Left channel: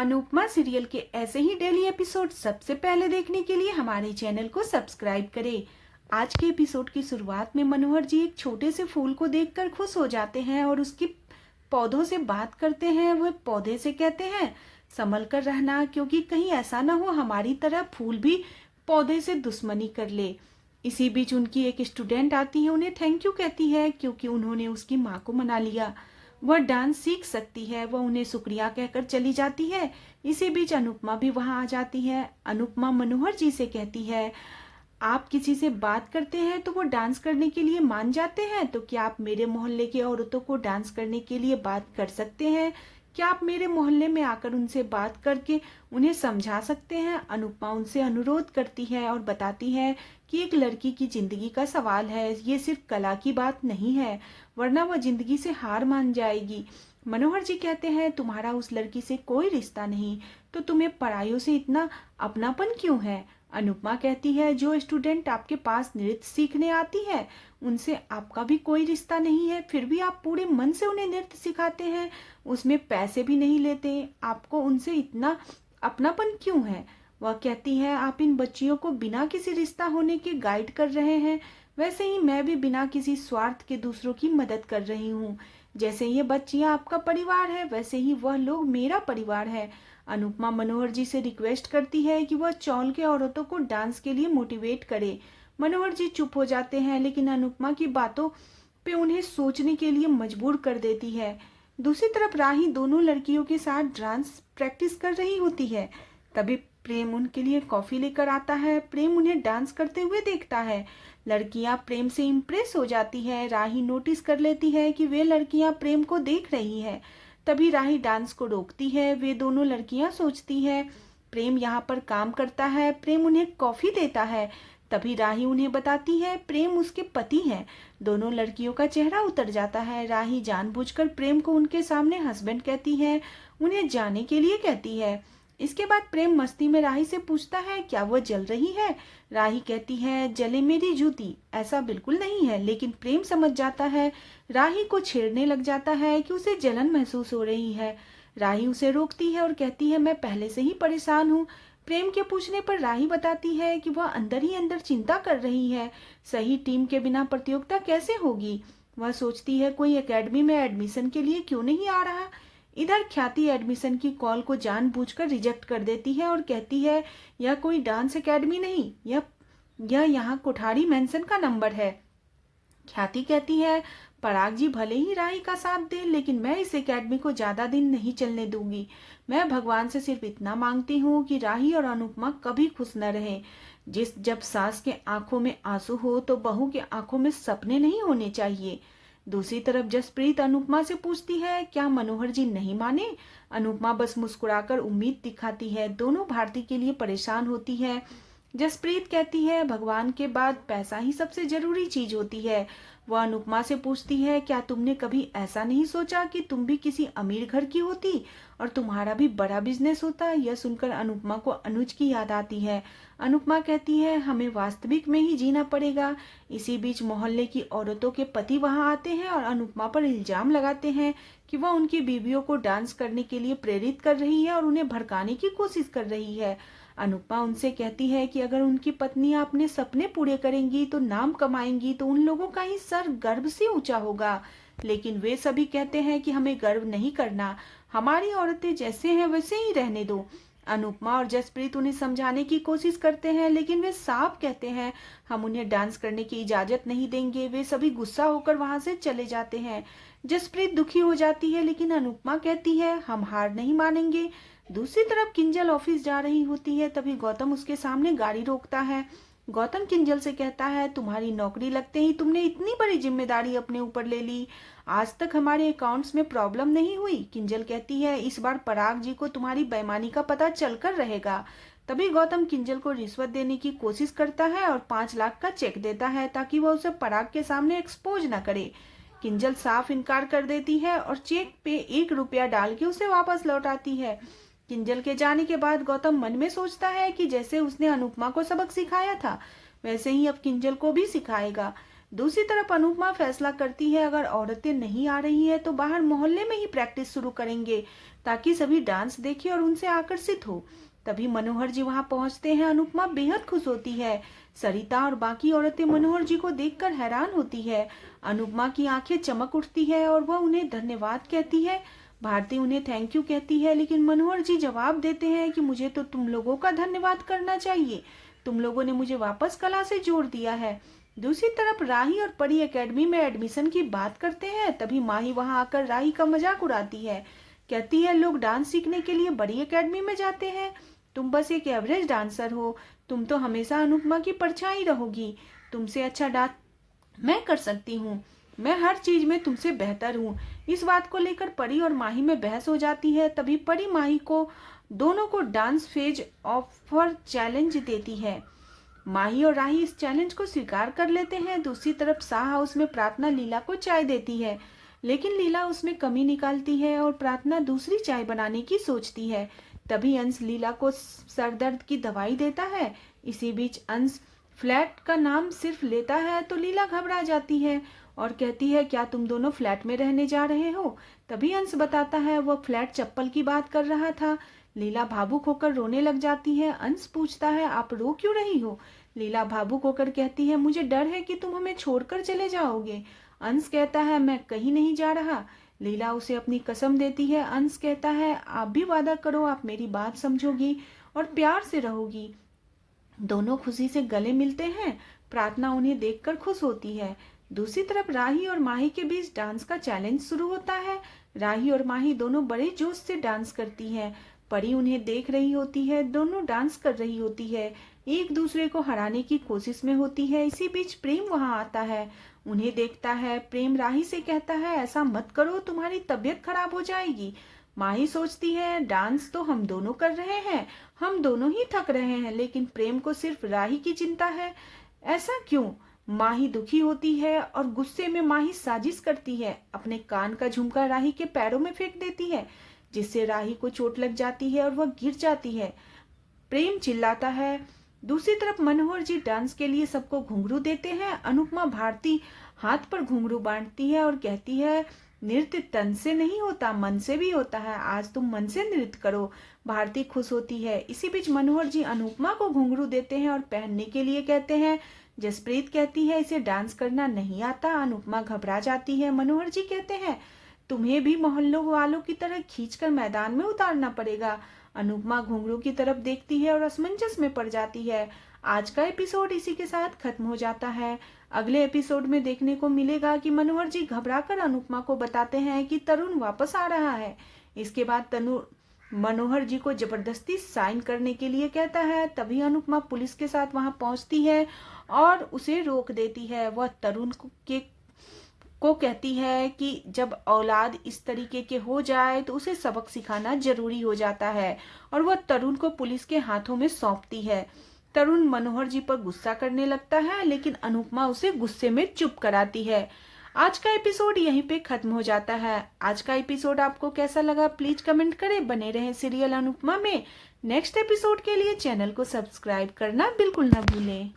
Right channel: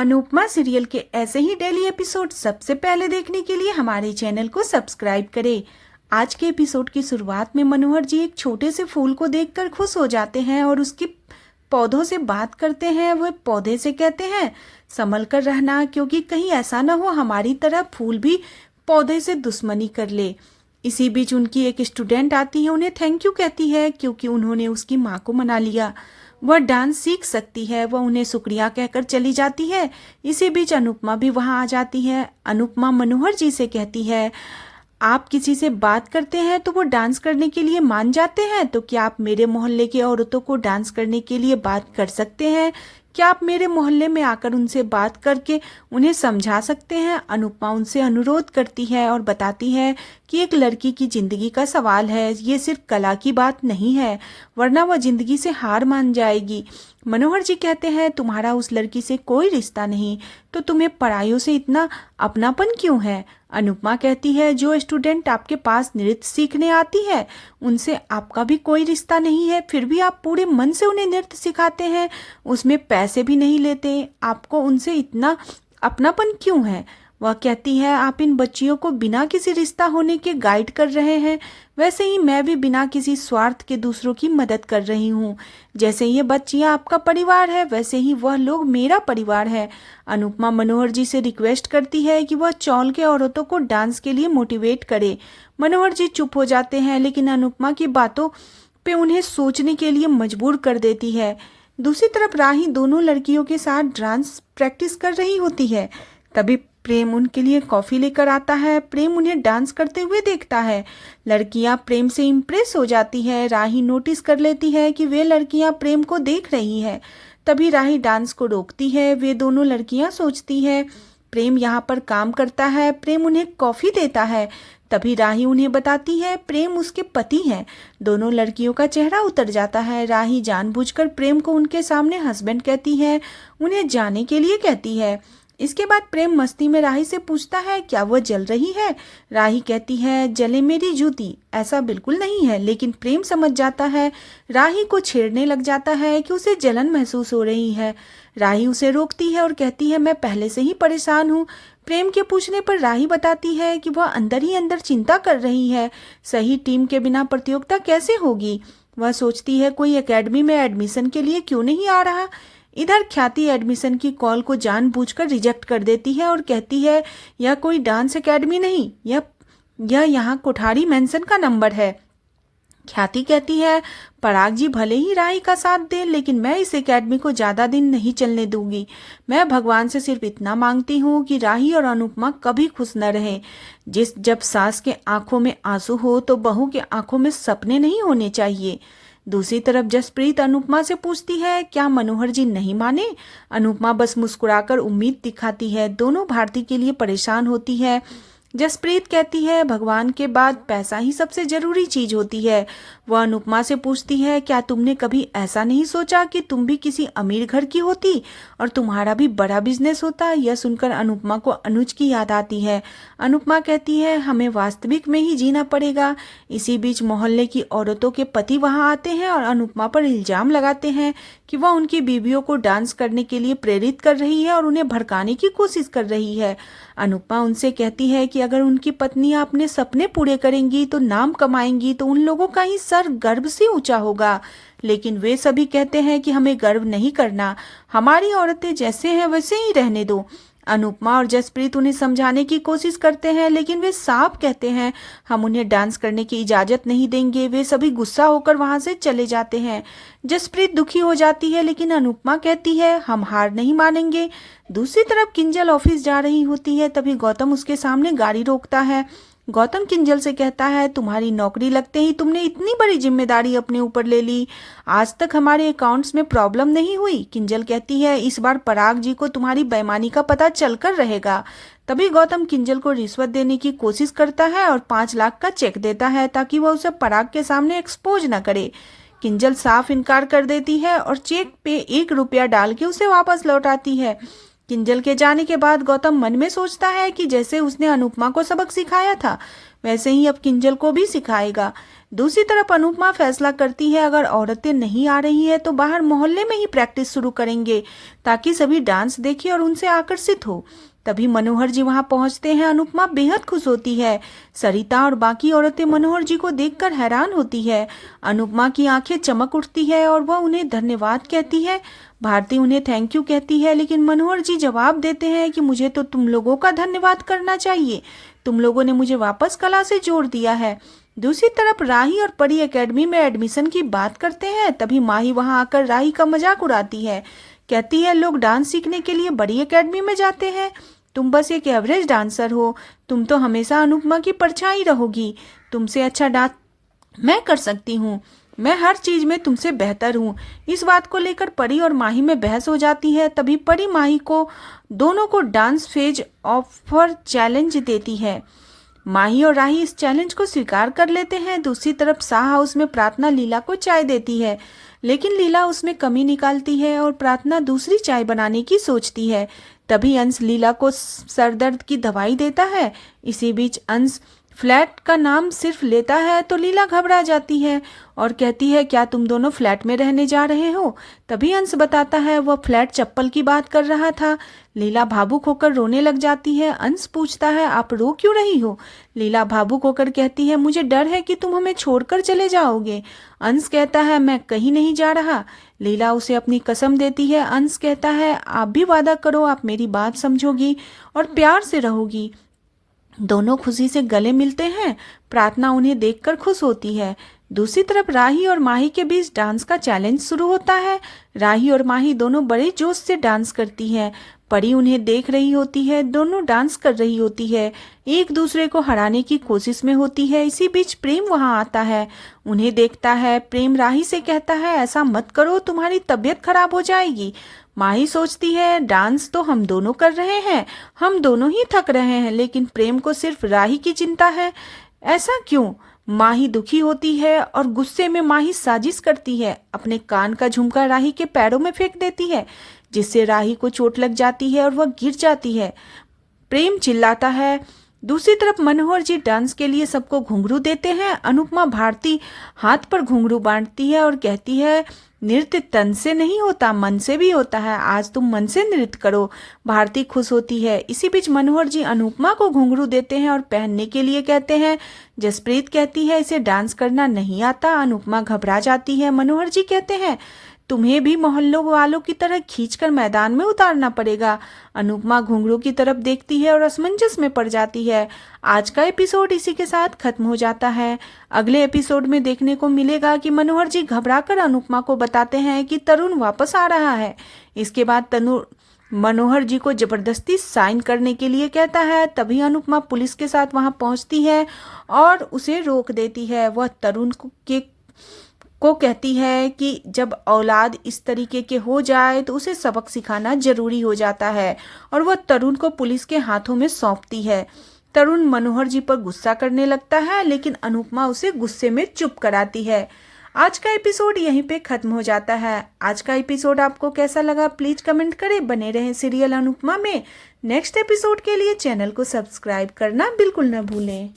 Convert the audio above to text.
Anupama serial के ऐसे ही daily episode सबसे पहले देखने के लिए हमारे चैनल को सब्सक्राइब करें। आज के एपिसोड की शुरुआत में मनोहर जी एक छोटे से फूल को देखकर खुश हो जाते हैं और उसके पौधों से बात करते हैं। वह पौधे से कहते हैं, संभल कर रहना, क्योंकि कहीं ऐसा ना हो हमारी तरह फूल भी पौधे से दुश्मनी कर ले। इसी बीच उनकी एक स्टूडेंट आती है, उन्हें थैंक यू कहती है क्योंकि उन्होंने उसकी माँ को मना लिया। वह डांस सीख सकती है। वह उन्हें शुक्रिया कहकर चली जाती है। इसी बीच अनुपमा भी वहां आ जाती है। अनुपमा मनोहर जी से कहती है, आप किसी से बात करते हैं तो वो डांस करने के लिए मान जाते हैं, तो क्या आप मेरे मोहल्ले की औरतों को डांस करने के लिए बात कर सकते हैं? क्या आप मेरे मोहल्ले में आकर उनसे बात करके उन्हें समझा सकते हैं? अनुपमा उनसे अनुरोध करती है और बताती है कि एक लड़की की जिंदगी का सवाल है, ये सिर्फ कला की बात नहीं है, वरना वह जिंदगी से हार मान जाएगी। मनोहर जी कहते हैं, तुम्हारा उस लड़की से कोई रिश्ता नहीं, तो तुम्हें पढ़ाइयों से इतना अपनापन क्यों है? अनुपमा कहती है, जो स्टूडेंट आपके पास नृत्य सीखने आती है उनसे आपका भी कोई रिश्ता नहीं है, फिर भी आप पूरे मन से उन्हें नृत्य सिखाते हैं, उसमें पैसे भी नहीं लेते, आपको उनसे इतना अपनापन क्यों है? वह कहती है, आप इन बच्चियों को बिना किसी रिश्ता होने के गाइड कर रहे हैं, वैसे ही मैं भी बिना किसी स्वार्थ के दूसरों की मदद कर रही हूँ। जैसे ये बच्चियाँ आपका परिवार है, वैसे ही वह लोग मेरा परिवार है। अनुपमा मनोहर जी से रिक्वेस्ट करती है कि वह चौल के औरतों को डांस के लिए मोटिवेट करे। मनोहर जी चुप हो जाते हैं, लेकिन अनुपमा की बातों पे उन्हें सोचने के लिए मजबूर कर देती है। दूसरी तरफ राही दोनों लड़कियों के साथ डांस प्रैक्टिस कर रही होती है। तभी प्रेम उनके लिए कॉफी लेकर आता है। प्रेम उन्हें डांस करते हुए देखता है। लड़कियां प्रेम से इम्प्रेस हो जाती है। राही नोटिस कर लेती है कि वे लड़कियां प्रेम को देख रही है। तभी राही डांस को रोकती है। वे दोनों लड़कियां सोचती है प्रेम यहाँ पर काम करता है। प्रेम उन्हें कॉफी देता है। तभी राही उन्हें बताती है प्रेम उसके पति हैं। दोनों लड़कियों का चेहरा उतर जाता है। राही जानबूझकर प्रेम को उनके सामने हस्बैंड कहती है, उन्हें जाने के लिए कहती है। इसके बाद प्रेम मस्ती में राही से पूछता है, क्या वह जल रही है? राही कहती है, जले मेरी जूती, ऐसा बिल्कुल नहीं है। लेकिन प्रेम समझ जाता है, राही को छेड़ने लग जाता है कि उसे जलन महसूस हो रही है। राही उसे रोकती है और कहती है, मैं पहले से ही परेशान हूँ। प्रेम के पूछने पर राही बताती है कि वह अंदर ही अंदर चिंता कर रही है, सही टीम के बिना प्रतियोगिता कैसे होगी। वह सोचती है कोई एकेडमी में एडमिशन के लिए क्यों नहीं आ रहा। इधर ख्याति एडमिशन की कॉल को जानबूझकर रिजेक्ट कर देती है और कहती है, यह कोई डांस एकेडमी नहीं, यह यहाँ कोठारी मेंशन का नंबर है। ख्याति कहती है, पराग जी भले ही राही का साथ दे, लेकिन मैं इस एकेडमी को ज्यादा दिन नहीं चलने दूंगी। मैं भगवान से सिर्फ इतना मांगती हूँ कि राही और अनुपमा कभी खुश न रहे। जब सास के आंखों में आंसू हो तो बहू के आंखों में सपने नहीं होने चाहिए। दूसरी तरफ जसप्रीत अनुपमा से पूछती है, क्या मनोहर जी नहीं माने? अनुपमा बस मुस्कुराकर उम्मीद दिखाती है। दोनों भारती के लिए परेशान होती है। जसप्रीत कहती है, भगवान के बाद पैसा ही सबसे जरूरी चीज होती है। वह अनुपमा से पूछती है, क्या तुमने कभी ऐसा नहीं सोचा कि तुम भी किसी अमीर घर की होती और तुम्हारा भी बड़ा बिजनेस होता? यह सुनकर अनुपमा को अनुज की याद आती है। अनुपमा कहती है, हमें वास्तविक में ही जीना पड़ेगा। इसी बीच मोहल्ले की औरतों के पति वहां आते हैं और अनुपमा पर इल्जाम लगाते हैं कि वह उनकी बीवियों को डांस करने के लिए प्रेरित कर रही है और उन्हें भड़काने की कोशिश कर रही है। अनुपमा उनसे कहती है कि अगर उनकी पत्नियां अपने सपने पूरे करेंगी तो नाम कमाएंगी, तो उन लोगों का ही सर गर्व से ऊंचा होगा। लेकिन वे सभी कहते हैं कि हमें गर्व नहीं करना, हमारी औरतें जैसे हैं वैसे ही रहने दो। अनुपमा और जसप्रीत उन्हें समझाने की कोशिश करते हैं, लेकिन वे साफ कहते हैं, हम उन्हें डांस करने की इजाजत नहीं देंगे। वे सभी गुस्सा होकर वहां से चले जाते हैं। जसप्रीत दुखी हो जाती है, लेकिन अनुपमा कहती है, हम हार नहीं मानेंगे। दूसरी तरफ किंजल ऑफिस जा रही होती है। तभी गौतम उसके सामने गाड़ी रोकता है। गौतम किंजल से कहता है, तुम्हारी नौकरी लगते ही तुमने इतनी बड़ी जिम्मेदारी अपने ऊपर ले ली। आज तक हमारे अकाउंट्स में प्रॉब्लम नहीं हुई। किंजल कहती है, इस बार पराग जी को तुम्हारी बेईमानी का पता चलकर रहेगा। तभी गौतम किंजल को रिश्वत देने की कोशिश करता है और 5 लाख का चेक देता है ताकि वह उसे पराग के सामने एक्सपोज न करे। किंजल साफ इनकार कर देती है और चेक पे 1 रुपया डाल के उसे वापस लौटाती है। किंजल के जाने के बाद गौतम मन में सोचता है कि जैसे उसने अनुपमा को सबक सिखाया था, वैसे ही अब किंजल को भी सिखाएगा। दूसरी तरफ अनुपमा फैसला करती है अगर औरतें नहीं आ रही है तो बाहर मोहल्ले में ही प्रैक्टिस शुरू करेंगे ताकि सभी डांस देखें और उनसे आकर्षित हो। तभी मनोहर जी वहां पहुंचते हैं। अनुपमा बेहद खुश होती है। सरिता और बाकी औरतें मनोहर जी को देखकर हैरान होती है। अनुपमा की आंखें चमक उठती है और वह उन्हें धन्यवाद कहती है। भारती उन्हें थैंक यू कहती है, लेकिन मनोहर जी जवाब देते हैं कि मुझे तो तुम लोगों का धन्यवाद करना चाहिए। तुम लोगों ने मुझे वापस कला से जोड़ दिया है। दूसरी तरफ राही और परी एकेडमी में एडमिशन की बात करते हैं। तभी माही वहां आकर राही का मजाक उड़ाती है। कहती है लोग डांस सीखने के लिए बड़ी एकेडमी में जाते हैं, तुम बस एक एवरेज डांसर हो। तुम तो हमेशा अनुपमा की परछाई रहोगी। तुमसे अच्छा डांस मैं कर सकती हूँ। मैं हर चीज में तुमसे बेहतर हूँ। इस बात को लेकर परी और माही में बहस हो जाती है। तभी परी माही को दोनों को डांस फेज ऑफर चैलेंज देती है। माही और राही इस चैलेंज को स्वीकार कर लेते हैं। दूसरी तरफ शाह हाउस में प्रार्थना लीला को चाय देती है, लेकिन लीला उसमें कमी निकालती है और प्रार्थना दूसरी चाय बनाने की सोचती है। तभी अंश लीला को सरदर्द की दवाई देता है। इसी बीच अंश फ्लैट का नाम सिर्फ लेता है तो लीला घबरा जाती है और कहती है क्या तुम दोनों फ्लैट में रहने जा रहे हो। तभी अंश बताता है वह फ्लैट चप्पल की बात कर रहा था। लीला भावुक होकर रोने लग जाती है। अंश पूछता है आप रो क्यों रही हो। लीला भावुक होकर कहती है मुझे डर है कि तुम हमें छोड़कर चले जाओगे। अंश कहता है मैं कहीं नहीं जा रहा। लीला उसे अपनी कसम देती है। अंश कहता है आप भी वादा करो आप मेरी बात समझोगी और प्यार से रहोगी। दोनों खुशी से गले मिलते हैं। प्रार्थना उन्हें देखकर खुश होती है। दूसरी तरफ राही और माही के बीच डांस का चैलेंज शुरू होता है। राही और माही दोनों बड़े जोश से डांस करती हैं। परी उन्हें देख रही होती है। दोनों डांस कर रही होती है, एक दूसरे को हराने की कोशिश में होती है। इसी बीच प्रेम वहां आता है, उन्हें देखता है। प्रेम राही से कहता है ऐसा मत करो, तुम्हारी तबीयत खराब हो जाएगी। माही सोचती है डांस तो हम दोनों कर रहे हैं, हम दोनों ही थक रहे हैं, लेकिन प्रेम को सिर्फ राही की चिंता है। ऐसा क्यों। माही दुखी होती है और गुस्से में माही साजिश करती है। अपने कान का झुमका राही के पैरों में फेंक देती है, जिससे राही को चोट लग जाती है और वह गिर जाती है। प्रेम चिल्लाता है। दूसरी तरफ मनोहर जी डांस के लिए सबको घुंघरू देते हैं। अनुपमा भारती हाथ पर घुंघरू बांटती है और कहती है नृत्य तन से नहीं होता, मन से भी होता है। आज तुम मन से नृत्य करो। भारती खुश होती है। इसी बीच मनोहर जी अनुपमा को घुंघरू देते हैं और पहनने के लिए कहते हैं। जसप्रीत कहती है इसे डांस करना नहीं आता। अनुपमा घबरा जाती है। मनोहर जी कहते हैं तुम्हें भी मोहल्लों वालों की तरह खींचकर मैदान में उतारना पड़ेगा। अनुपमा घुंघरू की तरफ देखती है और असमंजस में पड़ जाती है। आज का एपिसोड इसी के साथ खत्म हो जाता है। अगले एपिसोड में देखने को मिलेगा कि मनोहर जी घबराकर अनुपमा को बताते हैं कि तरुण वापस आ रहा है। इसके बाद तनु मनोहर जी को जबरदस्ती साइन करने के लिए कहता है। तभी अनुपमा पुलिस के साथ वहां पहुंचती है और उसे रोक देती है। वह तरुण को कहती है कि जब औलाद इस तरीके के हो जाए तो उसे सबक सिखाना जरूरी हो जाता है, और वह तरुण को पुलिस के हाथों में सौंपती है। तरुण मनोहर जी पर गुस्सा करने लगता है, लेकिन अनुपमा उसे गुस्से में चुप कराती है। आज का एपिसोड यहीं पे खत्म हो जाता है। आज का एपिसोड आपको कैसा लगा प्लीज कमेंट करें। बने रहें सीरियल अनुपमा में। नेक्स्ट एपिसोड के लिए चैनल को सब्सक्राइब करना बिल्कुल न भूलें।